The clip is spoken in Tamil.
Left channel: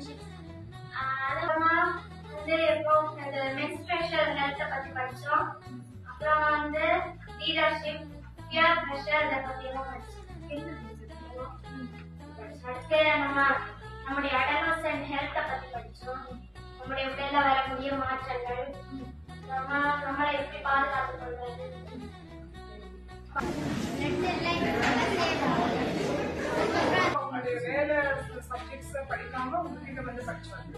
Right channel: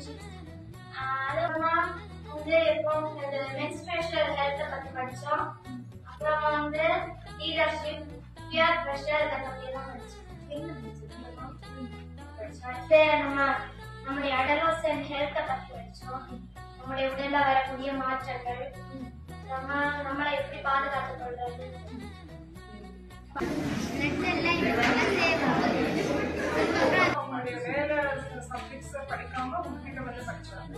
ரிலேஷன்ஷிப்ஸ். அதுக்கப்புறமா வந்து இப்போ இந்த மென்ஸ்ட்ரேஷனல் ஹெல்த்தை பத்தி படிச்சோம். அப்புறம் வந்து லீடர்ஷிப், பியர் பிரஷர் இதை பத்தி எல்லாம் படிச்சோம். நம்முடைய அடலசன்ட் ஹெல்த்தை பத்தி படிச்சோம். நம்முடைய உடல்ல வரக்கூடிய மாற்றங்கள், நம்மளை எப்படி பாதுகாத்துக் கொள்வது. வேற சப்ஜெக்ட்ஸ் படிக்காம உங்ககிட்ட வந்து படிச்சாங்க.